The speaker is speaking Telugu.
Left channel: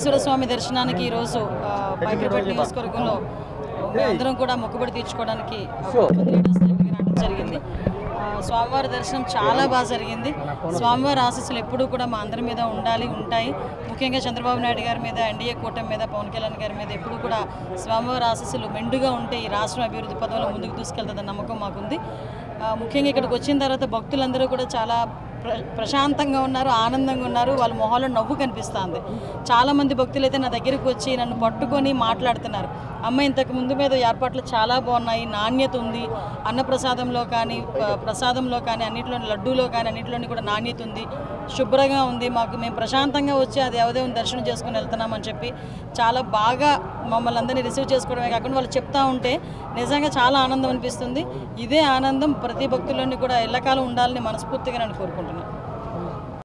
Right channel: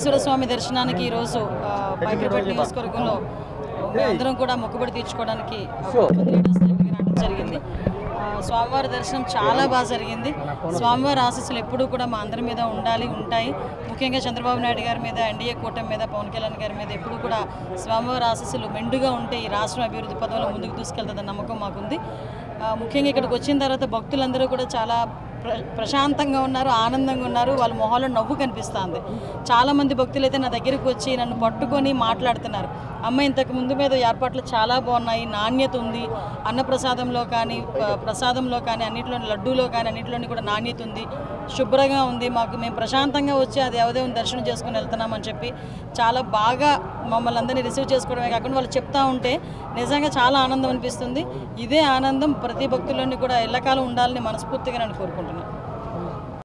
వెంకటేశ్వర స్వామి దర్శనానికి ఈరోజు పైకిరిపేట నియోజకవర్గంలో అందరం కూడా మొక్కుబడి తీర్చుకోవడానికి రావడం జరిగింది. స్వామివారి దర్శనం చాలా బాగా జరిగింది. స్వామివారి ఆశీస్సులు ఎప్పుడూ కూడా మా అందరి మీద ఉంటాయి. ముఖ్యంగా చంద్రబాబు నాయుడు గారి మీద, ఎన్డీఏ కూటమి మీద, పవన్ కళ్యాణ్ గారి మీద ఎప్పుడూ కూడా స్వామివారి ఆశీస్సులు మెండుగా ఉంటే ఈ రాష్ట్రం అభివృద్ధి పదంలో ముందుకు తీసుకెళ్తుందన్న నమ్మకం మాకుంది. ముఖ్యంగా ఇక్కడికి వచ్చిన తర్వాత భక్తులందరూ కూడా చాలా ప్రశాంతంగా ఉన్నారు, ఆనందంగా ఉన్నారు. వాళ్ళ మొహాల్లో నవ్వు కనిపిస్తుంది. చాలామంది భక్తులు అయితే నా దగ్గరికి వచ్చి నన్ను పట్టుకొని మాట్లాడుతున్నారు. అమ్మ ఇంతకు ముందు మీద ఏర్పాట్లు చాలా బాగున్నాయి, నాణ్యత ఉంది, అన్నప్రసాదంలో కానీ ప్రసాదంలో కానీ అన్నింటిలో, లడ్డూలో కానీ అన్నింటిలోని కూడా నాణ్యత ఉంది, శుభ్రంగా ఉంది, మేము ప్రశాంతంగా వచ్చి అది దేవదేవుని దర్శనం చేసుకుని వెళ్తున్నామని చెప్పి చాలా బాగా మమ్మల్ని అందరినీ రిసీవ్ చేసుకోవడమే కాకుండా వాళ్ళు చెప్తా ఉంటే నిజంగా చాలా ఆనందం అనిపిస్తుంది. ఇదే ఆనందం ప్రతి భక్తుల్లోని కూడా ఎల్లకాలం ఉండాలని మనస్ఫూర్తిగా నేను కోరుకుంటున్నాను.